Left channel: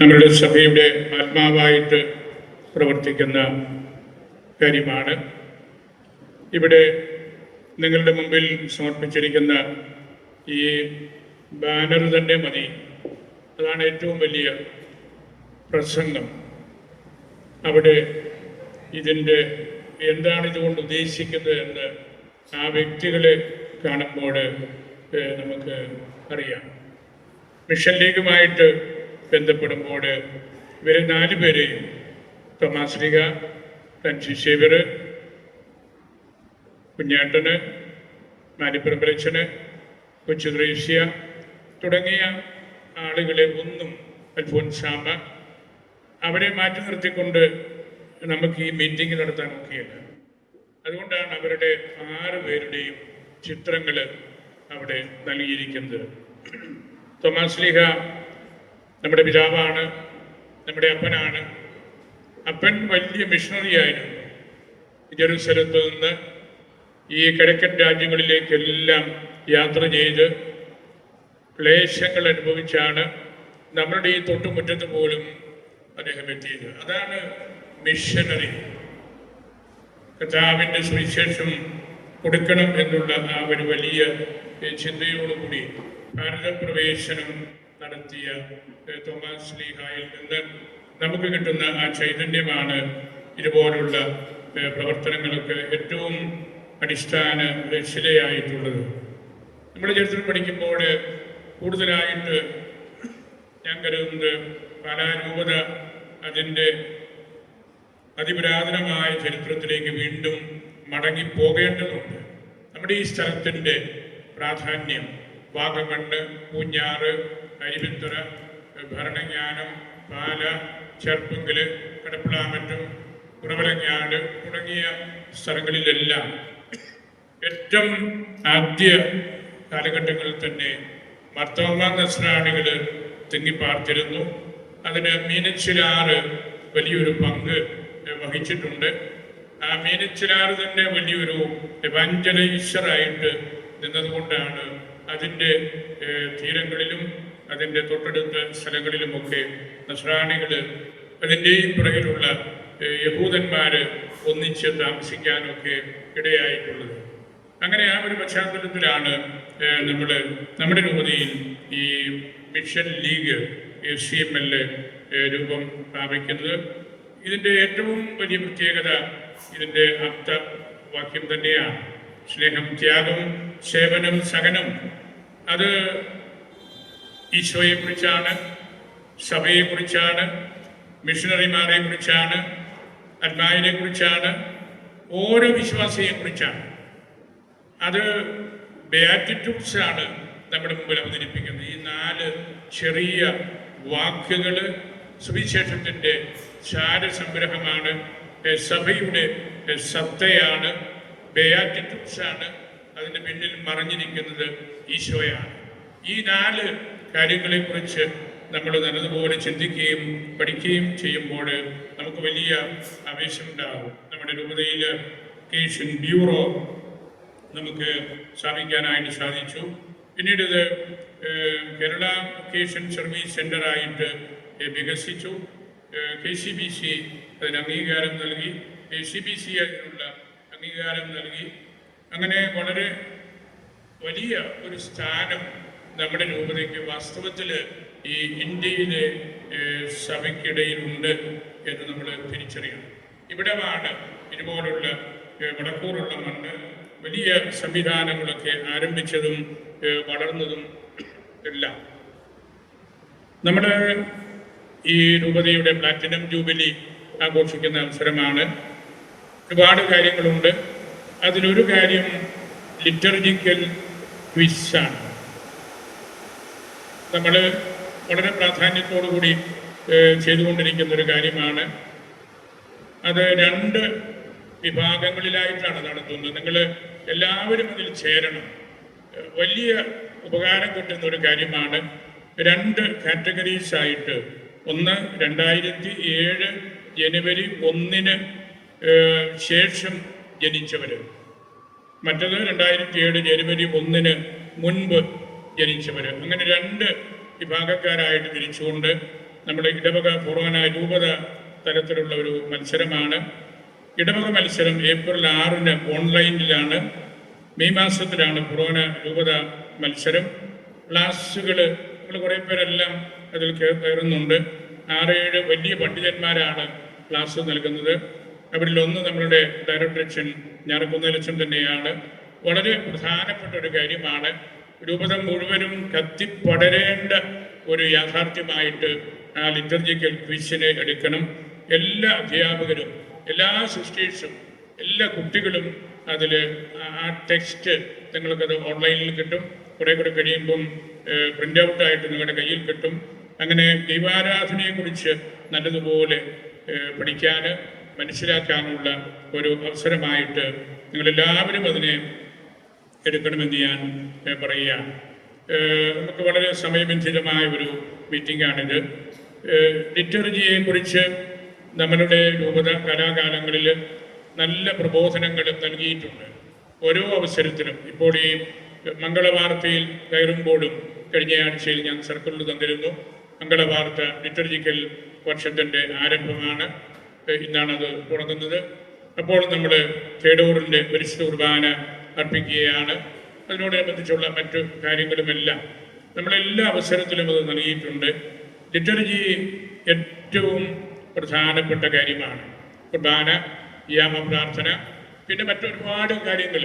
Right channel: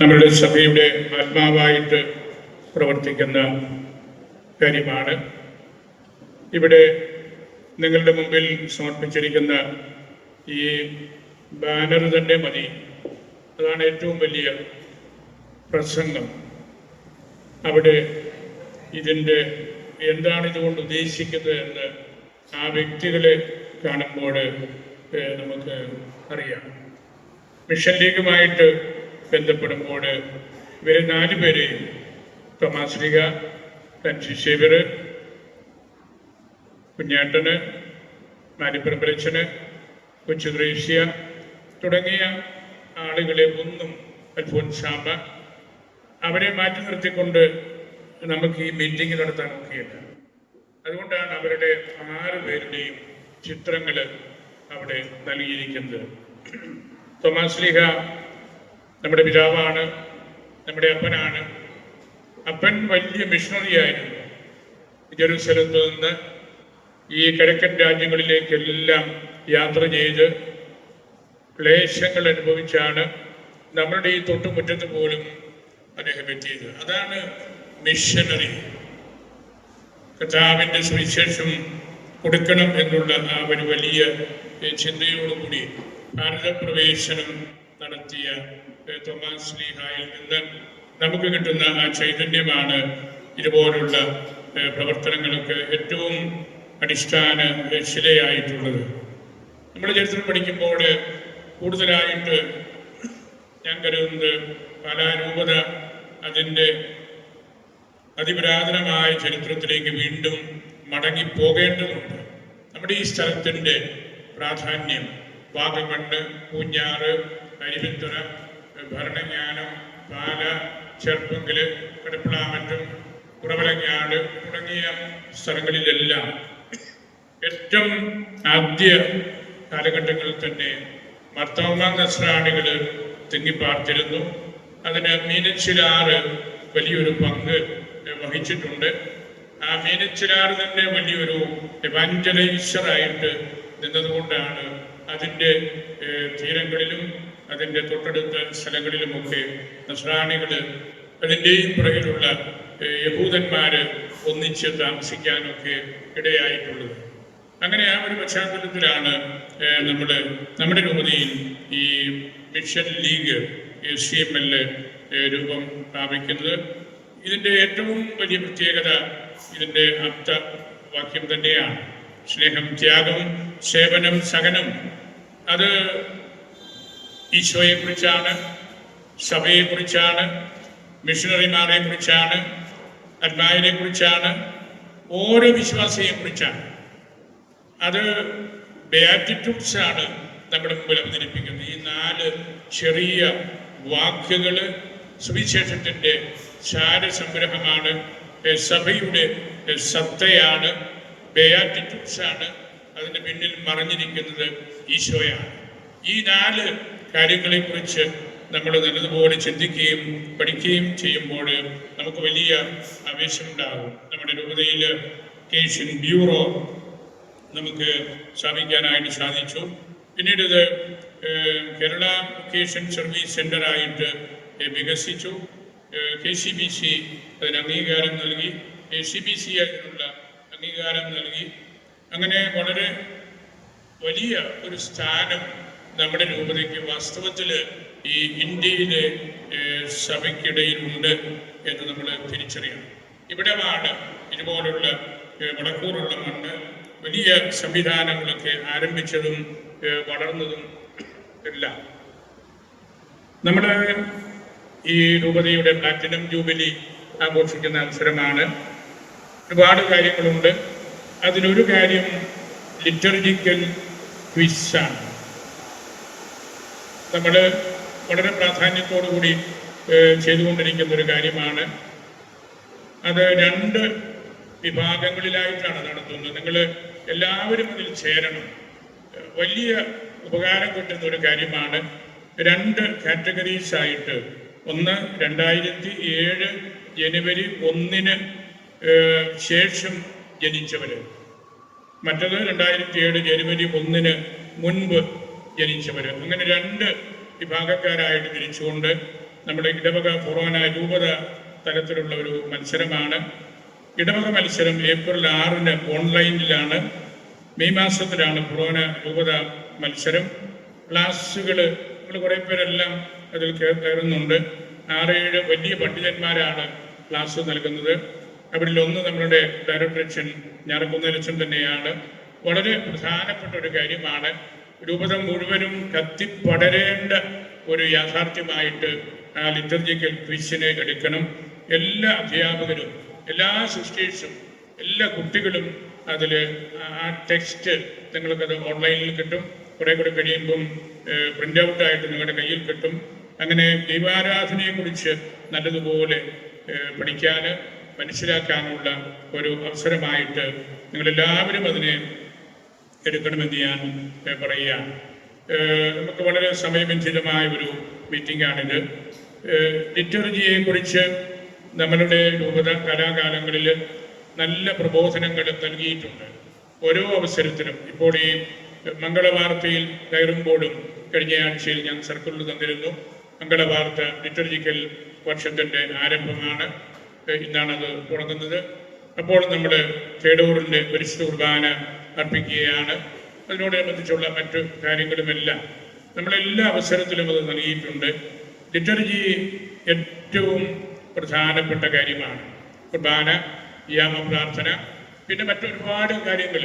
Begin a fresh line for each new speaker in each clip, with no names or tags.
നമ്മളുടെ സഭയുടെ ആത്മാവായിട്ട് പ്രവർത്തിക്കുന്ന കാര്യമാണ്. ഇവിടെ നിങ്ങളുടെ മുമ്പിൽ സമർപ്പിച്ചിരിക്കുന്ന ഈ ബാനർ തന്നെ മതി. അതാണ് ഏറ്റവും വലിയ പ്രസംഗം. അവിടെ ഇതിന്റെ എന്താണ് ഇതുകൊണ്ട് ഉദ്ദേശിക്കുന്നത് എന്ന് ആ വ്യക്തികളെ കാണുമ്പോൾ നമുക്ക് അറിയാം. മിഷൻ ലീഗുമായിട്ട് ബന്ധപ്പെടുമ്പോൾ ഇവരെ നാല് പേരെയും തോമാശ്രീക സേവ്യർ കുഞ്ഞാട്ടന് മാലിപ്രപരച്ചന് കൊച്ചു ക്രേഷ്യ തുടങ്ങിയ ആളുകളെ ഒന്നും അൽഫോൻസാമ അവരെ മാറ്റി നിർത്തിക്കൊണ്ട് നമുക്ക് ഈ മീറ്റിംഗ് നടത്താൻ ഒക്കെയില്ല. അതുകൊണ്ടാണ് അവരുടെ ആറ് പേരുടെയും ചിത്രങ്ങൾ അവിടെ നൽകിയിരിക്കുന്നത്. തൊമാശ്ലിഹ നമ്മുടെ പിതാവാണ് നമ്മുടെ അപ്പനാണ്. അപ്പൻ വലിയ മിഷണറി ആയിരുന്നു. ജെറുസലത്ത് നിന്ന് ഈ കിഴക്കൻ രാജ്യങ്ങളിലേക്കെല്ലാം യാത്ര ചെയ്ത് ക്ലേശങ്ങൾ അനുഭവിച്ചാണ് നമ്മളുടെ ഈ തൊട്ടുമുറ്റത്ത് പോലും അദ്ദേഹം എത്തിയത്. അതാണ് മിഷനറി കർത്താവിന്റെ സുവിശേഷം കൊടുക്കണം എന്നുള്ള ആ ഒരു വലിയ ചിന്തയോടുകൂടി ഭാരതപ്രവേശനം നടത്തിയ തോമസ് ലീഹായിൽ നിന്ന് നമുക്ക് കിട്ടുന്ന ആ ചൈതന്യമാണ് ഇതുപോലുള്ള പ്രവർത്തനങ്ങൾക്ക് ഏറ്റവും അടിസ്ഥാന ശിലയായിട്ടുള്ളത്. നമ്മൾ ചരിത്രം പഠിക്കുമ്പോൾ കൂടുതലായിട്ട് ഞാൻ കരുതുന്നത് കലാരൂപത അതിന്റെ അതിപുരാതനമായ ചരിത്രത്തിലേക്ക് വീണ്ടും മടങ്ങി പോകേണ്ടതുണ്ട് നമ്മുടെ ഈ സ്ഥലത്തിന്റെ പ്രാധാന്യം വാഗമണ്ണ് പൂഞ്ഞാറ് അരിവിത്തുറ ഭരണജ്ഞാനം പാല ചെറുപ്പങ്കൽ കടപ്പിളാമറ്റം കുറവലങ്ങാട് തുടങ്ങിയ സ്ഥലങ്ങളിലെല്ലാം ഏറ്റവും ആദ്യ കാലഘട്ടങ്ങളിൽ തന്നെ മർത്തോമ നസ്രാണികൾ തിങ്ങിപ്പാർത്തിരുന്നു അതിന് മീനച്ചിലാറ് വലിയൊരു പങ്ക് വഹിച്ചിട്ടുണ്ട്. ആ മീനച്ചിലാറ് തന്നെ വലിയൊരു എവാഞ്ചലൈസറായിട്ട് നിന്നതുകൊണ്ടാണ് അതിന്റെ തീരങ്ങളിലും അതിന്റെ തൊട്ടടുത്ത സ്ഥലങ്ങളിലുമൊക്കെ നസ്രാണികൾ അതിന്റെയും പുറകിലുള്ള യഹൂദന്മാർ ഒന്നിച്ച് താമസിക്കാനൊക്കെ ഇടയായിട്ടുള്ളത്. അങ്ങനെ ആ ഒരു പശ്ചാത്തലത്തിലാണ് നമ്മൾ നമ്മുടെ രൂപതയിൽ ഈ mission league C M L രൂപം പ്രാപിക്കുന്നത് ഇതിന്റെ ഏറ്റവും വലിയ പ്രത്യേകത ഇതിന്റെ ആപ്ത വാക്യം തന്നെയാണ്. സ്നേഹം ത്യാഗം സേവനം സഹനം അത് ഈശോയെ കുറിച്ചാണ് സഭയെ കുറിച്ചാണ് മിഷണറിമാരെ കുറിച്ചാണ് അന്മാരെ കുറിച്ചാണ് ഓരോ വിശ്വാസിയെ കുറിച്ചാണ്. അത് ആണ് നമ്മുടെ മുമ്പിൽ അവതരിപ്പിക്കുന്നത്. ഈ നാല് ചെറിയ വാക്കുകൾ സുവിശേഷത്തിന്റെ ചാരസംഗ്രഹമാണ് സഭയുടെ സത്തയാണ് ആണ് അതിന്റെ പിന്നിൽ മറഞ്ഞിരിക്കുന്നത് ഈശോയാണ്. ഈ നാല് കാര്യങ്ങളെക്കുറിച്ച് നമ്മൾ നല്ലതുപോലെ ചിന്തിക്കുകയും പഠിക്കുകയും ചെയ്യുമ്പോൾ നമുക്ക് വലിയ ആവേശമുണ്ടാകും. നമ്മുടെ രൂപതയിൽ കേഷ്യൻ ബ്യൂറോ നമുക്ക് സ്ഥാപിക്കാനായിട്ട് സാധിച്ചു. പിന്നീട് ഇത് കേരള കേഷ്യൻ സർവീസ് സെന്ററായിട്ട് വികസിച്ചു. കെ സി ബി സി അതിന് അംഗീകാരം നൽകി. കെ സി ബി സി അതിനുള്ള അംഗീകാരം നൽകി. അങ്ങനെ വളരെ വലിയ ഒരു സ്ഥാനം നമ്മുടെ രൂപതയ്ക്ക് വാസ്തവത്തിൽ ഈ ഇന്ത്യയിലെ സഭയ്ക്കിടയിലുണ്ട് എന്ന് നമ്മൾ തിരിച്ചറിയണം. ഇവിടെയാണ് ഇതുപോലുള്ള വടക്കൂറുള്ള മണ്ണ് വലിയ സംവിധാനങ്ങളൊക്കെ ആരംഭിച്ചതും വളർന്നതും എല്ലാം. നമ്മുടെ ഈ രൂപതയുടെ പ്ലാറ്റിനം ജൂബിലി ആഘോഷിക്കുന്ന അവസരമാണ്. ഒരുപാട് കാര്യങ്ങളുണ്ട്. അതിലൊരു കാര്യം ലിറ്റർജിക്കൽ ക്വിസാണ്. നമ്മൾ വളരെ പ്രാധാന്യത്തോടുകൂടി ചെയ്തുകൊണ്ടിരിക്കുന്ന ഒരു കാര്യമാണ്. അത് രണ്ട് വിഭാഗങ്ങളിലായിട്ടാണ് നടത്തുന്നത്. നിങ്ങൾ എല്ലാവരും ഇതിൽ ചേരണം. വലിയ ഉപകാരം കിട്ടുന്ന ഒരു കാര്യമാണ്. രണ്ട് കാറ്റഗറീസ് ആയിട്ട് ഒന്ന് രണ്ടായിരത്തി ഏഴ് ജനുവരി ഒന്നിന് ശേഷം ജനിച്ചവർ മറ്റത് രണ്ടായിരത്തി ഏഴ് ജനുവരി ഒന്നിന് മുൻപ് ജനിച്ചവർ അങ്ങനെ രണ്ട് വിഭാഗക്കാരായിട്ട് തിരിച്ചുകൊണ്ട് നമ്മുടെ ഇടവക ഫൊറോന രൂപത തരത്തിലുള്ള ഒരു മത്സരമാണ്. ഇടവക മത്സരം ഏപ്രിൽ ആറിന് ഓൺലൈനിലാണ്. മെയ് മാസത്തിലാണ് ഫൊറോന രൂപത മത്സരം. ക്ലാസ്സുകൾ നമ്മൾ കുറേ പേരെല്ലാം അതിൽ കയറുന്നുണ്ട്. ആറേഴ് വലിയ പണ്ഡിതന്മാരാണ് ക്ലാസ് നൽകുന്നത്. അവരിൽ ഒന്ന് നമ്മളുടെ ഡയറക്ടർ അച്ഛൻ ഞാറക്കുന്നലച്ഛൻ തന്നെയാണ്. വളരെ പ്രധാനപ്പെട്ട ഒരു കാര്യമാണ് രൂപത മുഴുവനും കത്തിപ്പടരേണ്ട ഒരു യാഥാർത്ഥ്യമായിട്ട് ആ ലിറ്റർജിക്കൽ ക്വിസിനെ എടുക്കണം. എല്ലാ അധ്യാപകരും എല്ലാ സിസ്റ്റേഴ്സും എല്ലാ കുട്ടികളും അതിൽ ആ ടെക്സ്റ്റ് നിങ്ങൾക്കത് ഓൺലൈനിൽ കിട്ടും. കുറെ കൂടെ കഴിയുമ്പം പ്രിന്റ് ഔട്ടായിട്ട് നിങ്ങളുടെ കയ്യിൽ കിട്ടും. അങ്ങനെ ദൈവാരാധനയെ കുറിച്ച് നല്ലതുപോലെ പഠിക്കാൻ മനസ്സിലാക്കാനുള്ള ഒരു അവസരമായിട്ട് നിങ്ങളെല്ലാവരും അതിനെ എടുക്കണമെന്ന് ഞാൻ പറയുകയാണ്. നമുക്ക് വളരെ സമയബന്ധിതമായ ഒരു മീറ്റിംഗ് മീറ്റിംഗാണിത്. ലിറ്റർജിയെ കുറിച്ച് നമ്മളുടെ രൂപത കലാകാലങ്ങളിൽ നല്ല പ്രബോധനങ്ങൾ നൽകിയിട്ടുണ്ട്. ഓരോ അവസരത്തിലും ഇപ്പോൾ ഈ മംഗളവാർത്തയിൽ കയറുമ്പോഴും കഴിഞ്ഞ ആഴ്ചയിൽ ഞാൻ സർക്കിളിൽ തന്നിരുന്നു. മംഗളവാർത്ത ലിറ്റർജിക്കൽ വർഷത്തിന്റെ ആരംഭമാണ്. ഇന്നാണത് തുടങ്ങുന്നത്. അപ്പോൾ നമ്മുടെ കേടൂറിന്റെ പരിശുദ്ധ കുർബാന അർപ്പിക്കുകയാണ് അതിനോടനുബന്ധിച്ചുള്ള മറ്റു കാര്യങ്ങളുമെല്ലാം നമ്മളെല്ലാ അവസരത്തിലും അത് നൽകിയിട്ടുണ്ട്. ലിറ്റർജി ഏറ്റവും പ്രധാനപ്പെട്ട കാര്യമാണ്. കുർബാന യാമപ്രാർത്ഥന പിന്നെ മറ്റൊരുപാട് കാര്യങ്ങൾ.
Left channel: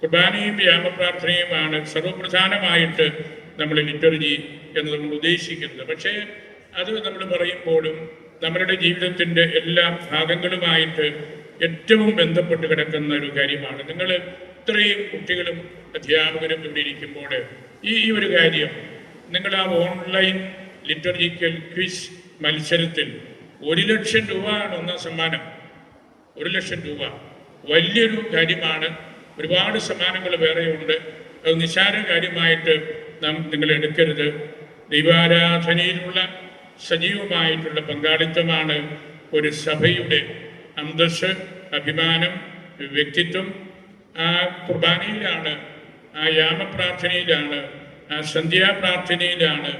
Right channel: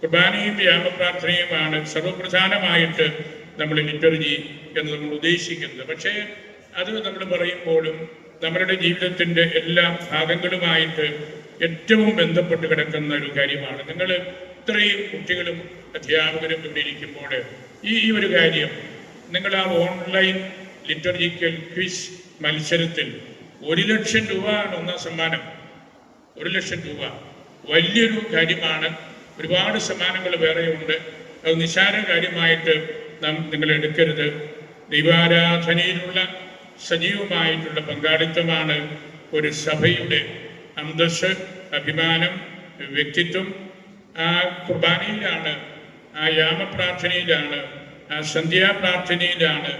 കുർബാനയും യാമപ്രാർത്ഥനയുമാണ് സർവപ്രധാനമായിട്ട് നമ്മൾ ലിറ്റർജി എന്ന് നമ്മൾ ഉദ്ദേശിക്കുന്നത്. പക്ഷേ അത് നമ്മൾ പറയുമ്പോഴും നമ്മുടെ ജീവിതത്തിന്റെ എല്ലാ ഭാഗങ്ങളുമായിട്ട് ഏറ്റവും ബന്ധപ്പെട്ട് കിടക്കുന്ന ഒരു കാര്യമാണ്. നിങ്ങൾ ഇത്രയും കുട്ടികളും അധ്യാപകരും കൊണ്ടിരിക്കുമ്പോൾ ഈ ഒരു കാര്യം നിങ്ങൾ ആ ഓൺലൈൻ ലിറ്റർജിക്കൽ ക്വിസ് മത്സരത്തിൽ ഒരു ലക്ഷം രൂപയാണ് ഒന്നാം സമ്മാനം. ഒരു ലക്ഷം രൂപ. വലിയൊരു കാര്യമാണ്. ഒരുപാട് സമ്മാനങ്ങൾ വേറെയുണ്ട്. അത് നിസ്സാര കാര്യമായിട്ട് നാം നിങ്ങൾ എടുക്കരുത്. ദൈവാരാധനയിലുള്ള സജീവമായിട്ടുള്ള പങ്കാളിത്തമാണ് ഒരു സഭയുടെ അന്തസ് അഭിമാനം വ്യക്തിത്വം ആ കുർബാനയിലാണ് ആ യാമപ്രാർത്ഥനയിലാണ് ആ സന്ധ്യാപ്രാർത്ഥനയിലാണ്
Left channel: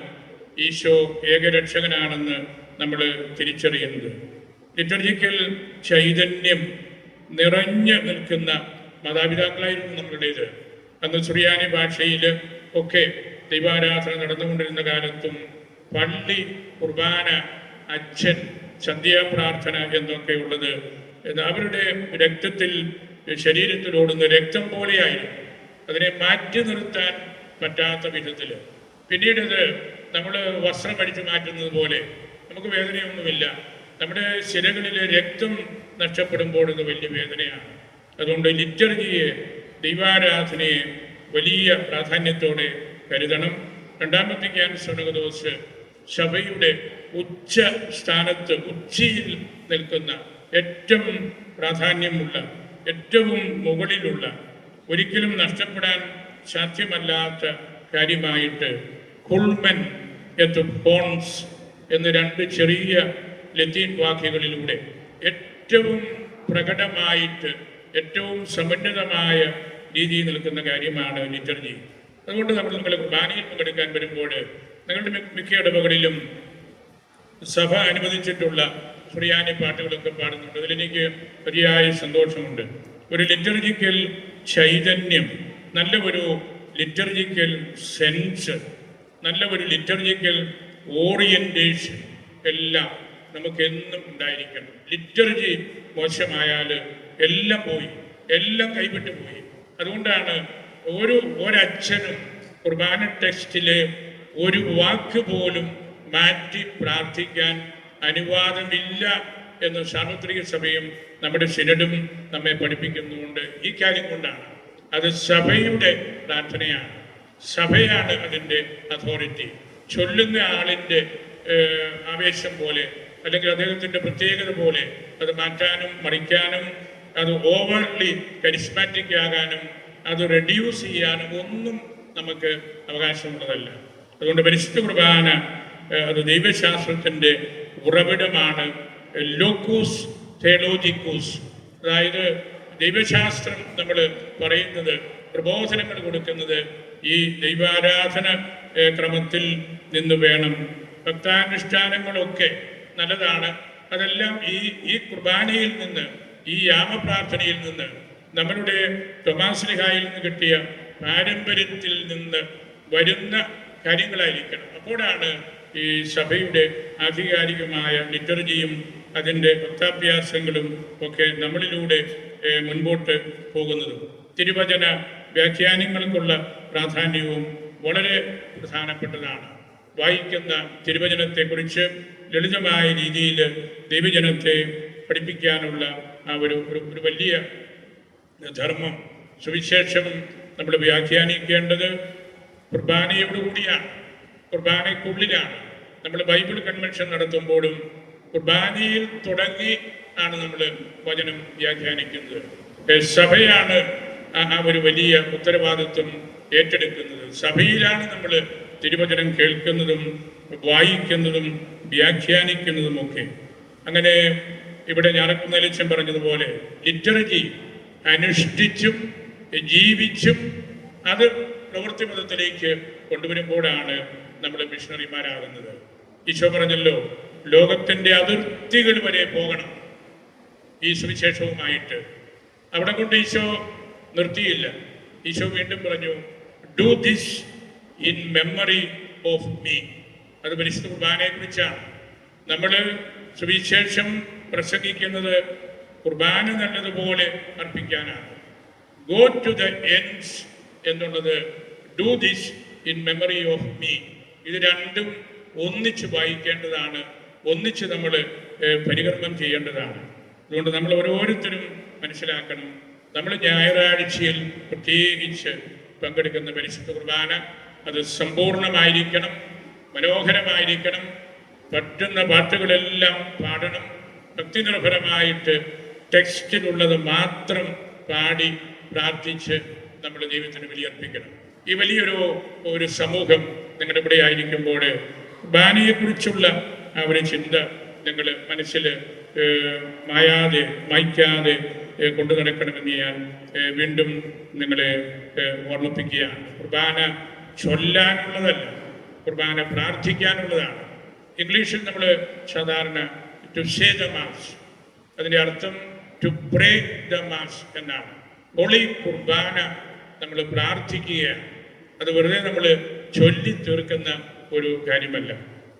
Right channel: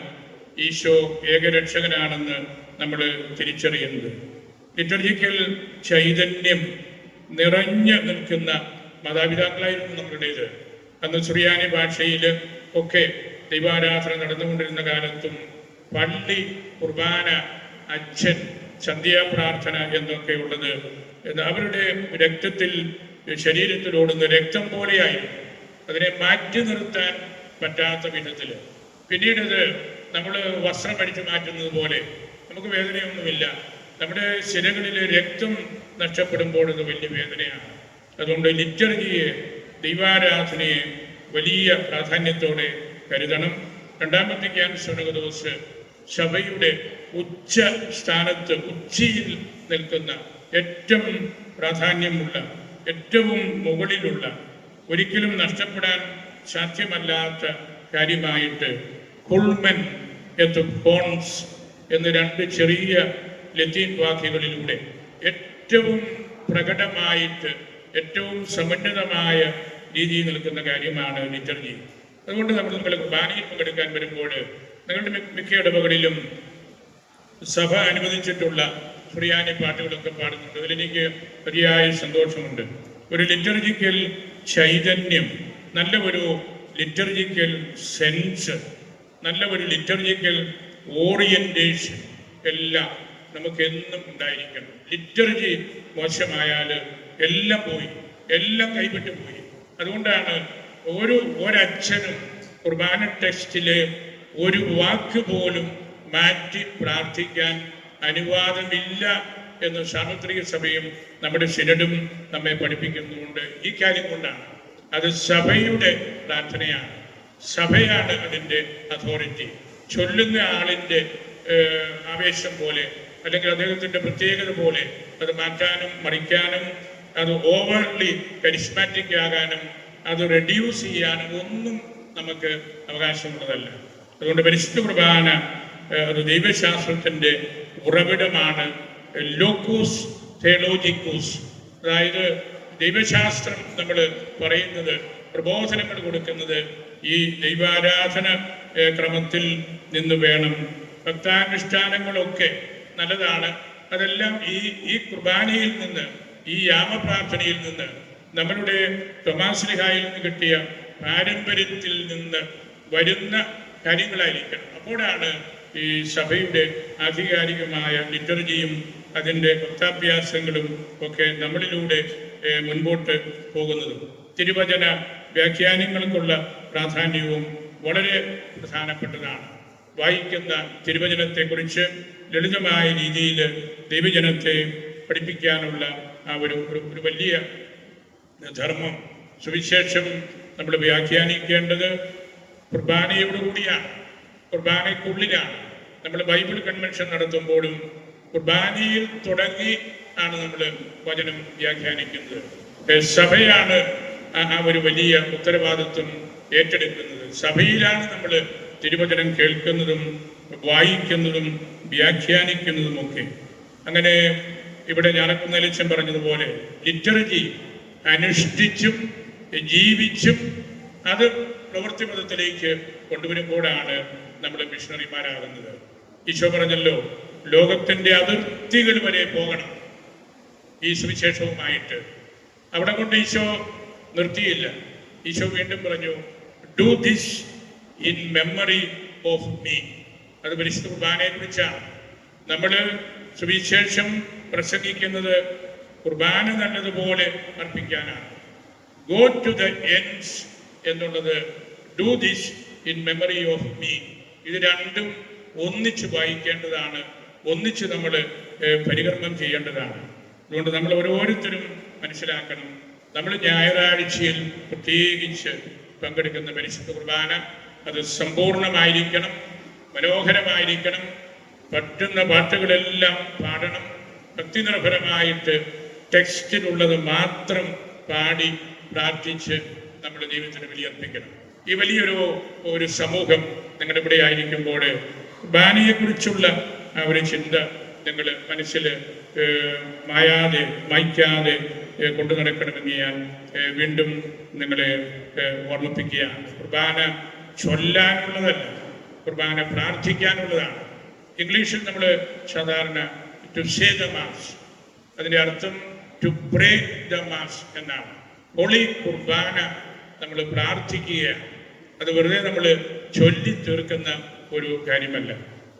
ഈശോ ഏകരക്ഷകനാണെന്ന് നമ്മൾ തിരിച്ചറിയുന്നത്. ലിറ്റർജിക്കൽ ചൈതന്യം നിറഞ്ഞു നിൽക്കുന്ന മാതാപിതാക്കളായിരുന്നു നമ്മളുടേത്. അന്ന് സുറിയാനി ഭാഷയിൽ ഒക്കെ ദൈവാരാധന നടന്നുകൊണ്ടിരുന്ന കാലത്തും പള്ളി കുർബാന അച്ഛൻ സന്ധ്യാപ്രാർത്ഥന എന്നൊക്കെ ഉള്ളത് അവരുടെ രക്തത്തിൽ ശരീരത്തിൽ ഓടുന്ന രക്തം പോലെയായിരുന്നു. അതിനെ മാറ്റി നിർത്താൻ പറ്റാത്ത വിധത്തിൽ. പിന്നീട് ഇത് നമ്മൾ വസ്ത്രം അടിച്ചു മാറ്റുന്നത് പോലെ നമുക്ക് വേദനയൊന്നുമില്ല. നമ്മുടെ ശിരകളിലെ രക്തം നഷ്ടപ്പെടുമ്പോൾ ഇത് വലിയ വേദനയാണ്. അതുകൊണ്ട് ലിറ്റർജിയെ ദൈവാരാധനയെ വലിയ പ്രാധാന്യത്തോടെ കരുതണം. രണ്ടാമത്തെ ക്യാൻസർ ദിവസ് സഭയുടെ ഉച്ച സ്ഥാനത്ത് ഉച്ചയിൽ നിൽക്കുന്ന ഏറ്റവും പ്രാധാന്യമുള്ള ഏറ്റവും മുകളിലുള്ള ഒരിക്കലും നഷ്ടപ്പെടാൻ സാധ്യമല്ലാത്ത കാര്യമായിട്ട് കുൾമൻ എന്ന് ഫോൺസ് എന്ന രണ്ട് ചെറിയ ലത്തീൻ വാക്യങ്ങളിലൂടെ ഏറ്റവും പ്രകടമായിട്ട് ഏറ്റവും സമന്വിതമായ രീതിയിൽ നിൽക്കുന്ന കാര്യമാണ് ലിറ്റർജി അതുകൊണ്ട് നമ്മൾ നിങ്ങൾ കുർബാനയിൽ പങ്കെടുക്കാൻ വരുമ്പോൾ നിങ്ങളുടെ മിക്ക ഇടവകളിലും സഭ അനുവദിച്ചിട്ടുള്ള സുറിയാനി പാട്ടുകളൊക്കെ പാടുന്നുണ്ട്. അതിലെനിക്ക് വലിയായ സന്തോഷമുണ്ട്. ഒരു ലിറ്റർജിക്കൽ ചൈതന്യം നല്ല ഒരു ലിറ്റർജിക്കൽ സെൻസ് നല്ല ഒരു ലിറ്റർജിക്കൽ ഓറിയന്റേഷൻ എല്ലാം നമുക്ക് എന്നും ഉണ്ടായിരിക്കണം. ലിറ്റർജി മോശമായാൽ എല്ലാം പോയി എല്ലാം കൈവിട്ടു പോയി. അതുകൊണ്ടാണ് ഒരു ഒരച്ഛനും കുർബാന ടെക്സ്റ്റിലെ ഒരു വാക്ക് പോലും മാറ്റി പ്രാർത്ഥിക്കാൻ അനുവാദമില്ല എന്ന് സാർവത്രിക സഭയും നമ്മുടെ ശിരടും നമ്മെ പഠിപ്പിക്കുന്നുണ്ട് ഈ കാര്യം കൊണ്ടാണ്. അത് സഭയുടെ പ്രാർത്ഥനയാണ്. സഭയാണ് അതിന്റെ അതോറിറ്റി ചൊല്ലുന്ന ആളിന്റെ ആവേശം പോലെ അല്ലെങ്കിൽ അദ്ദേഹത്തിന്റെ പ്രത്യേകത പോലെ അത് മാറ്റാനും മറിക്കാനും അത് ഓവർലി കരിസ്മാറ്റിക് ആകാനും അത് റെഡ്യൂസ് ചെയ്യാനും ഒന്നും നമുക്ക് അവകാശമുള്ളതല്ല. അതുകൊണ്ട് പരിശുദ്ധ പ്രധാന അത് ദൈവശാസ്ത്രത്തിന്റെ ഉറവിടമാണ്. ലോക്കൂസ് തേലോജിക്കൂസ് അതായത് ദൈവശാസ്ത്രം നമ്മൾ പറയുന്നത് പ്രബോധനങ്ങൾ കൊടുക്കുന്നത് ഈ ദൈവാരാധന ക്രമത്തിൽ നിന്ന് വേണം. ഭക്താനുഷ്ഠാനങ്ങളൊക്കെ നല്ലതാണ്. അതെല്ലാം ഈ ഈ കുർബാനയിൽ നിന്ന് ഈ യാമപ്രാർത്ഥനയിൽ നിന്ന് നമ്മളുടെ ടൊമാസ്ലിഹായിൽ നിന്ന് കിട്ടിയ പാരമ്പര്യത്തിൽ നിന്ന് വരുന്ന കാര്യങ്ങളായിരിക്കണം. അപ്പോഴാണ് ഈ സഭയുടെ ആധികാരികമായ ലിറ്റർജിയും അതിന്റെ ഭക്താഭ്യാസങ്ങളും ഒക്കെ നമ്മളിലൂടെ മുൻപോട്ട് പോകുന്നത്. തിരുവചന വ്യാഖ്യാനങ്ങൾക്കുള്ള പ്രാധാന്യവും വളരെ പ്രധാനപ്പെട്ടതാണ്. വായിക്കുന്ന തിരുവചനത്തെക്കുറിച്ച് ലളിതമായ രീതിയിൽ ദൈവജനത്തെ പഠിപ്പിക്കാനുള്ള ആ ഒരു ഒരു വലിയ ധർമ്മം സുവിശേഷം നമ്മൾ വ്യാഖ്യാനിക്കേണ്ടത് കുർബാനയോടുകൂടിയാണ്. കുർബാനയ്ക്കുള്ളിലാണ് നമ്മൾ ബൈബിൾ കൺവെൻഷൻ നടത്തുമ്പോഴും കുർബാനയിൽ തുടങ്ങി ആണ് നമ്മൾ വചനം വ്യാഖ്യാനിക്കുന്നത്. സഭയാണ് ആ ഒരു വലിയ ഉത്തരവാദിത്വം ഏറ്റെടുക്കുന്നത്. സഭയിലാണ് നമ്മൾ തിരുവചനം കേൾക്കുന്നതും വായിക്കുന്നതും വ്യാഖ്യാനിക്കുന്നതും ഒക്കെ. അങ്ങനെ ഇവിടെ ഞാനക്കുന്ന ലക്ഷ്യം പറഞ്ഞതുപോലെ ലിറ്ററജി അനുഷ്ഠിച്ചും ജീവിച്ചും അത് പ്രവൃത്തിപഥത്തിലേക്ക് കൊണ്ടുവരുമ്പോഴാണ് നമ്മൾ മിഷണറിമാരാകുന്നത്. ഈശോ പറഞ്ഞല്ലോ ലോകത്തിന്റെ അതിർത്തികൾ വരെ പോകണം. ഈ സുവിശേഷവുമായിട്ട് അവിടെ കൊണ്ട് ഈശോ നിർത്തിയില്ല. ഈശോ വീണ്ടും പറഞ്ഞു do this in memory of me അത് പരിശുദ്ധ കുർബാനയെ കുറിച്ചാണ്. നമ്മൾ സുവിശേഷം പ്രസംഗിക്കുന്നത് കുർബാന നല്ലതുപോലെ അർപ്പിക്കാനാണ്. ഗോ ടു ദ എൻഡ്സ് എന്നുള്ളത് do this in memory of me ഇത് രണ്ടും ഒന്നിച്ച് വായിക്കേണ്ടതാണ്. ഒന്നിച്ച് നമ്മൾ പരികർമ്മം ചെയ്യേണ്ടതാണ്. അതുകൊണ്ട് നമ്മൾ ഓരോരുത്തരും മനസ്സിലാക്കണം. നമ്മൾ ഞായറാഴ്ചയിൽ പ്രത്യേകിച്ച് പങ്കെടുക്കുന്ന പരിശുദ്ധ കുർബാന അത് സമ്പൂർണമായിരിക്കണം മനോഹരമായിരിക്കണം. പറ്റുന്ന പാട്ടുകളെല്ലാം പാടണം. ഭക്തിനിർഭരമായിട്ട് ടെക്സ്റ്റിലുള്ളത് മാത്രം പാടി പ്രാർത്ഥിച്ച് നമ്മുടെ ജീവിതത്തിന് ബലിയർപ്പിക്കണം. ഈ വലിയൊരു ഒരു സമൂഹം നിങ്ങളുടെ ഇവിടെ ആയിരിക്കുമ്പോൾ ബാനിയെക്കുറിച്ചുള്ള ആ ഒരു ചിന്ത നിങ്ങൾ മനസ്സിൽ മായാതെ മായ്ക്കാതെ കൊണ്ടു നടക്കണമെന്ന് ഞാൻ വീണ്ടും നിങ്ങളെ ഓർമ്മിപ്പിക്കുകയാണ്. കുർബാന ചൊല്ലാനുള്ളതല്ല കുർബാന പ്രാർത്ഥിക്കാനുള്ളതാണ്. ഇംഗ്ലീഷിൽ നമ്മൾ സാധാരണ ടു സേ ദ മാസ് അതിന്റെ അർത്ഥം ടു ബ്രേക്ക് ദ മാസ് എന്നാണ്. ഹോളി കുർബാന നമ്മൾ പ്രാർത്ഥിക്കുകയാണ്. അത് വെറുതെ നമ്മൾ ചൊല്ലി തീർക്കുന്ന ഒരു കാര്യമല്ല.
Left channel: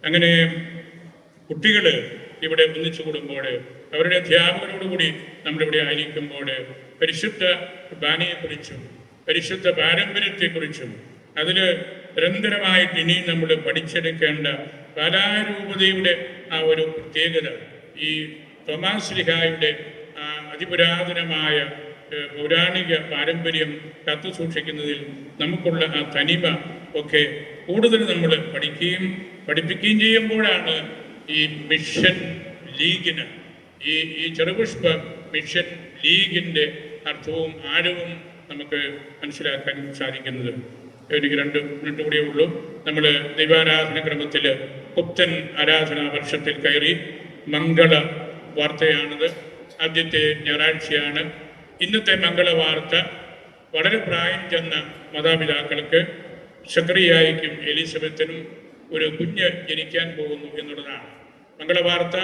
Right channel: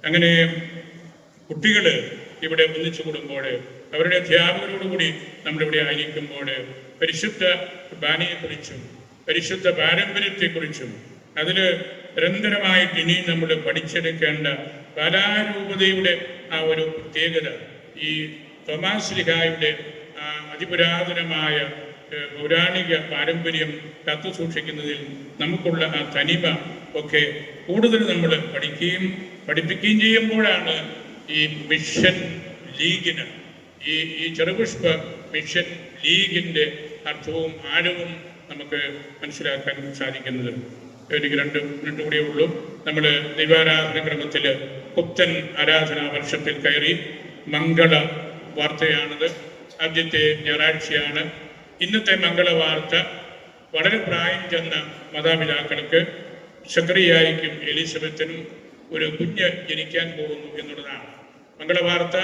അങ്ങനെ കുട്ടികൾ ഇവിടെ ഒന്നിച്ചു കൂടുമ്പോൾ അവരുടെ അധ്യാപകരോടുകൂടി നമ്മളിവിടെ ആയിരിക്കുമ്പോൾ പരിശുദ്ധ കുർബാനയെക്കുറിച്ചും പരിശുദ്ധ പാരമ്പര്യത്തെക്കുറിച്ചും അതിൽ നിരന്തരമായിട്ട് ഇനിയും നമ്മൾ പഠിച്ചെടുക്കേണ്ട കലാരൂപതയുടെ ആ ഒരു പ്രത്യേകത ഈ തോമാസ് ലിഹായുടെ അതിപുരാതനമായ പൗരാണിക പാരമ്പര്യം കത്തു സൂക്ഷിക്കുന്നതിൽ നമുക്കുള്ള ആ തനിമ ഒക്കെ കൂടുതൽ നമ്മൾ പഠിക്കുകയും പഠിപ്പിക്കുകയും ചെയ്യുമ്പോഴാണ് ഈ മിഷൻ ലീഗിന് ഈ ഈ ചെറുപുഷ്പ മിഷൻ ലീഗിന്റെ അർത്ഥവും ആഴവും നമുക്ക് മനസ്സിലാക്കാൻ സാധിക്കുന്നത്. എനിക്ക് രണ്ട് മിനിറ്റ് കൂടിയേ ഉള്ളൂ. നമ്മൾ ദൈവാരാധന ക്രമത്തിൽ കുപ്തൻ ആരാധന വർഷത്തിൽ കയറി മംഗള വാർത്തയാണിത്. ആദ്യത്തെ ഞായറാഴ്ചയാണ്. ഇന്നത്തെ മംഗള വാർത്ത വളരെ പ്രായം ചെന്ന മാതാപിതാക്കൾക്ക് ശക്രിയായിക്കും എലിസബത്തിനും ഒരു കുഞ്ഞ് ജനിക്കാൻ പോകുന്നു എന്നുള്ളതാണ്. മംഗളവാർത്ത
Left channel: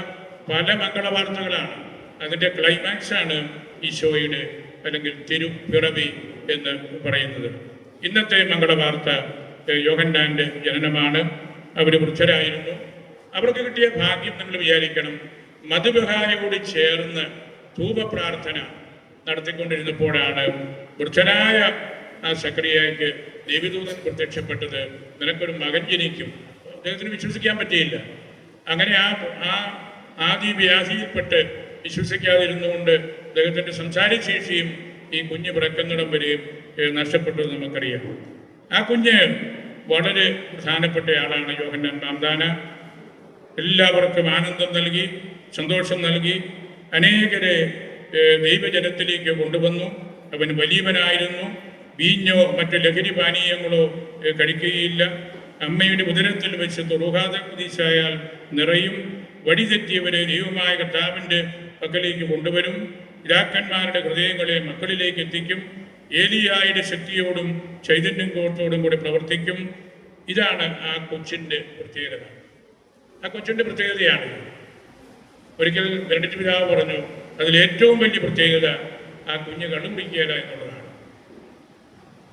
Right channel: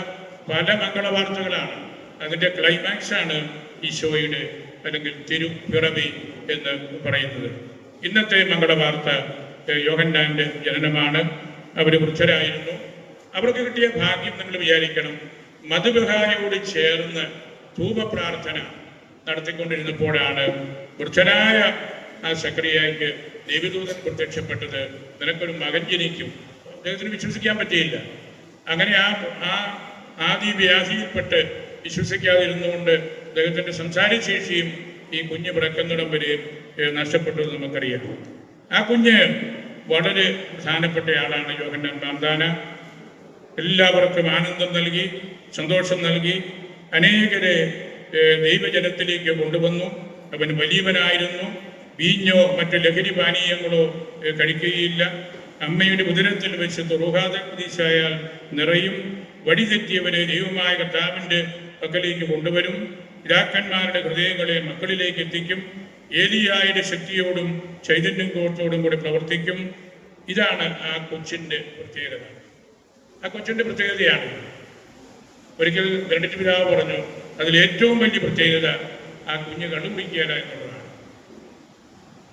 പല മംഗളവാർത്തകളാണ്. അതിന്റെ ക്ലൈമാക്സ് ആണ് ഈശോയുടെ അല്ലെങ്കിൽ തിരുപ്പിറവി എന്ന് പറയുന്നത്. ഇന്നത്തെ മംഗളവാർത്ത ഏഹ്, യോഹന്നാന്റെ ജനനമാണ്. അവർ വൃദ്ധരായിരുന്നു. അവർക്ക് കിട്ടിയ ഭാഗ്യം നമ്മൾ വിചാരിക്കണം. മധുബഹായോട് ചേർന്ന് ധൂപപ്രാർത്ഥന നടത്തിക്കൊണ്ടിരുന്നപ്പോഴാണ് വൃദ്ധനായ ആ സക്രിയയ്ക്ക് ദേവിദൂതൻ പ്രത്യക്ഷപ്പെട്ടത് നിനക്കൊരു മകൻ ജനിക്കും. അദ്ദേഹത്തിന് വിശ്വസിക്കാൻ പറ്റിയില്ല. അങ്ങനെ ആ ആ ആദ്യ വ്യാധിയിൽപ്പെട്ട് വിശ്വസിക്കാതിരുന്നുകൊണ്ട് അദ്ദേഹത്തിന്റെ സംസാരശേഷിയും ഈ കുഞ്ഞ് പിറക്കുന്നിടം വരെ നഷ്ടപ്പെട്ടു എന്ന് നമുക്കറിയാം. ആ കുഞ്ഞ് വളരെ പ്രധാനപ്പെട്ട ആളാണ് യോഹന്നാൻ മാന്താന എല്ലാവർക്കും ആനന്ദം നൽകി സന്തോഷം നൽകി അനേകരെ ദൈവജനത്തിലേക്ക് കൊണ്ടുവന്നു. അവൻ വലിയവനായിരുന്നു. വീഞ്ഞോ മറ്റു ലഹരി പാനീയങ്ങളോ കഴിക്കുകയില്ല. അമ്മയുടെ ഉദരത്തിൽ വെച്ച് തുറുഹാദീശായാൽ നിറയും. വഴിതെറ്റിയവരെ ദൈവമായ കർത്താവിന്റെ പക്കലേക്ക് കൊണ്ടുവരും. രാക്കന്മാരുടെ ഹൃദയങ്ങളെ മക്കളിലേക്ക് എത്തിക്കും. ഏലിയായുടെ ശക്തിയോടും ചൈതന്യം കോട്ടോടും കൂടെ പ്രവർത്തിക്കും. ഇതാണ് ആ കൊച്ചിന്റെ പ്രത്യേകത. ആ കൊച്ചിന്റെ പ്രത്യേകതയാണ്. ഒരിക്കൽ ബെനഡിറ്റ് പിതാവ് പറഞ്ഞു അതിൽ ഏറ്റവും വലിയ പ്രത്യേകത ആ കുഞ്ഞ് കണ്ടുപിടിക്കുകയില്ല എന്നുള്ളതാണ്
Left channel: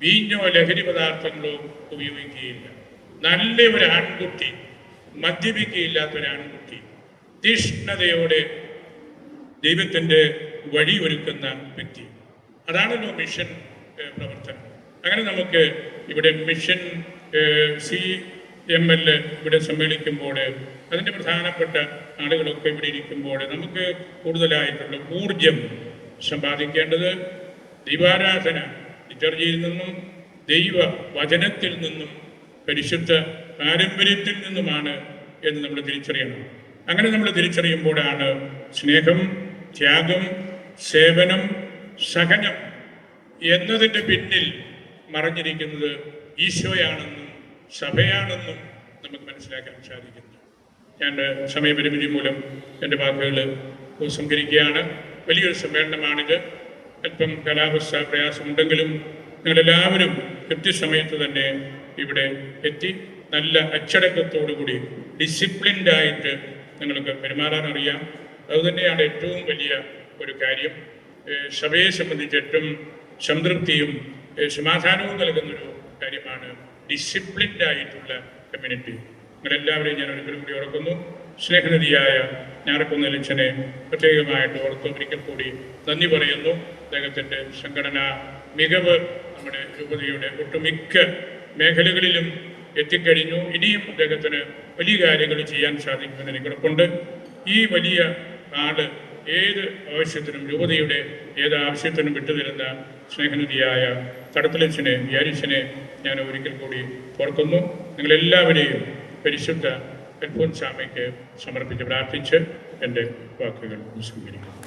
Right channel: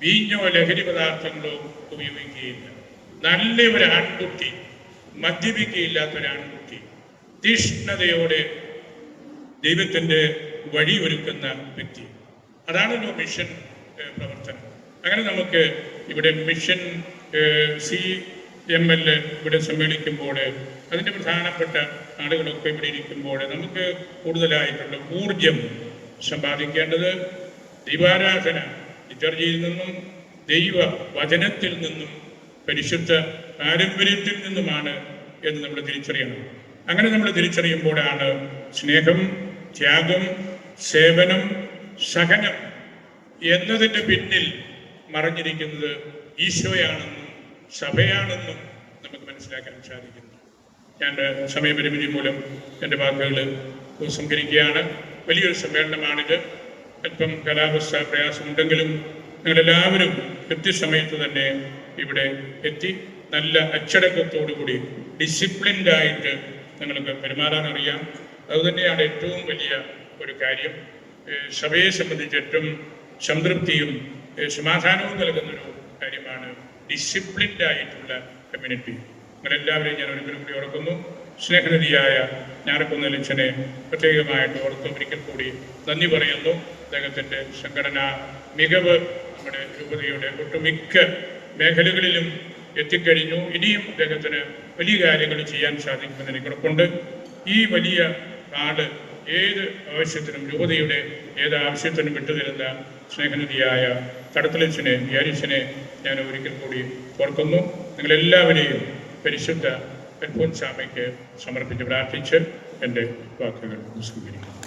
വീഞ്ഞോ ലഹരി പദാർത്ഥങ്ങളോ ഉപയോഗിക്കുകയില്ല. നല്ല ഒരു ആൺകുട്ടി മദ്യപിക്കുകയില്ലാത്ത ഒരു ആൺകുട്ടി തീഷ്ണതയോടെ ദൈവത്തിന്റെ വഴി ഒരുക്കുന്ന വ്യക്തി. അതാണല്ലോ മിഷൻ പ്രവർത്തനം. അങ്ങനെ നമുക്ക് ഇവിടെ മിഷൻ സി എം എൽ ഇവിടെ സമ്മേളിക്കുമ്പോൾ അതിന്റെ പ്രധാനപ്പെട്ട ആളുകളൊക്കെ ഇവിടെ ഇരിക്കുമ്പോൾ നമുക്ക് കൂടുതലായിട്ടുള്ള ഊർജം സമ്പാദിക്കേണ്ടത് ദൈവാരാധന ലിറ്റർജിയിൽ നിന്നും ദൈവ വചനത്തിൽ നിന്നും പരിശുദ്ധ പാരമ്പര്യത്തിൽ നിന്നുമാണ് എന്ന് നമ്മൾ തിരിച്ചറിയണം. അങ്ങനെ നമ്മൾ തിരിച്ചറിയുമ്പോഴാണ് സ്നേഹം ത്യാഗം സേവനം സഹനം എന്നതിന്റെ പിന്നിൽ മറഞ്ഞിരിക്കുന്നത് ഈശോയാണെന്നും സഭയാണെന്നും നമുക്ക് മനസ്സിലാക്കാൻ സാധിക്കുന്നു. ഞാൻ സമയപരിമിതി മൂലം എന്റെ വാക്കുകൾ ഉപസംഹരിക്കുകയാണ്. വലിയൊരു സമ്മേളനമാണിത്. അല്പം കാലാവസ്ഥ പ്രയാസമുണ്ടെങ്കിലും നിങ്ങളെല്ലാവരും കൃത്യസമയത്ത് തന്നെ ഇവിടെ എത്തി നല്ല അച്ചടക്കത്തോടുകൂടി ഡിസിപ്ലിൻഡായിട്ട് നിങ്ങൾക്ക് പെരുമാറാൻ അറിയാം. അതുതന്നെയാണ് ഏറ്റവും വലിയ ഒരു കാര്യം. സഭയെ സംബന്ധിച്ച് ഏറ്റവും സംതൃപ്തിയും സമാധാനവും നൽകുന്നൊരു കാര്യമാണ് ഡിസിപ്ലിൻഡായിട്ടുള്ള കമ്മ്യൂണിറ്റി നിങ്ങളെല്ലാവരെയും ഞാൻ ഒരിക്കലും കൂടി ഓർക്കുന്നു. സ്നേഹനിധിയായ ലക്ഷനെ പ്രത്യേകമായിട്ട് ഓർത്ത് ഒരിക്കൽ കൂടി നന്ദി പറയുന്നു. അദ്ദേഹത്തിന്റെ സംഘടനാ മികവ് നമ്മുടെ രൂപതയുടെ ഒട്ടുമിക്ക മേഖലകളിലും എത്തിക്കഴിഞ്ഞു. ഇനിയും അദ്ദേഹത്തിന് വലിയ കാര്യങ്ങൾ ചെയ്യാൻ സാധിക്കുമെന്ന് എനിക്ക് ഉറപ്പുണ്ട് ഈ വലിയ നാട് ഏത് ആവശ്യത്തിനും രൂപതയുടെ ഏത് ആവശ്യത്തിനും വിട്ടുതരുന്ന സ്നേഹനിധിയായ കടത്തലച്ചനെ യാരിച്ചനെ ഞാൻ ഒരിക്കൽ കൂടി ഓർക്കുന്നു. നിങ്ങളെല്ലാവരെയും പരിശുദ്ധ അൽഫോൻസാമയ്ക്ക് സമർപ്പിച്ച് പ്രാർത്ഥിച്ച് എന്റെ വാക്കുകൾ സ്വീകരിക്കുന്നു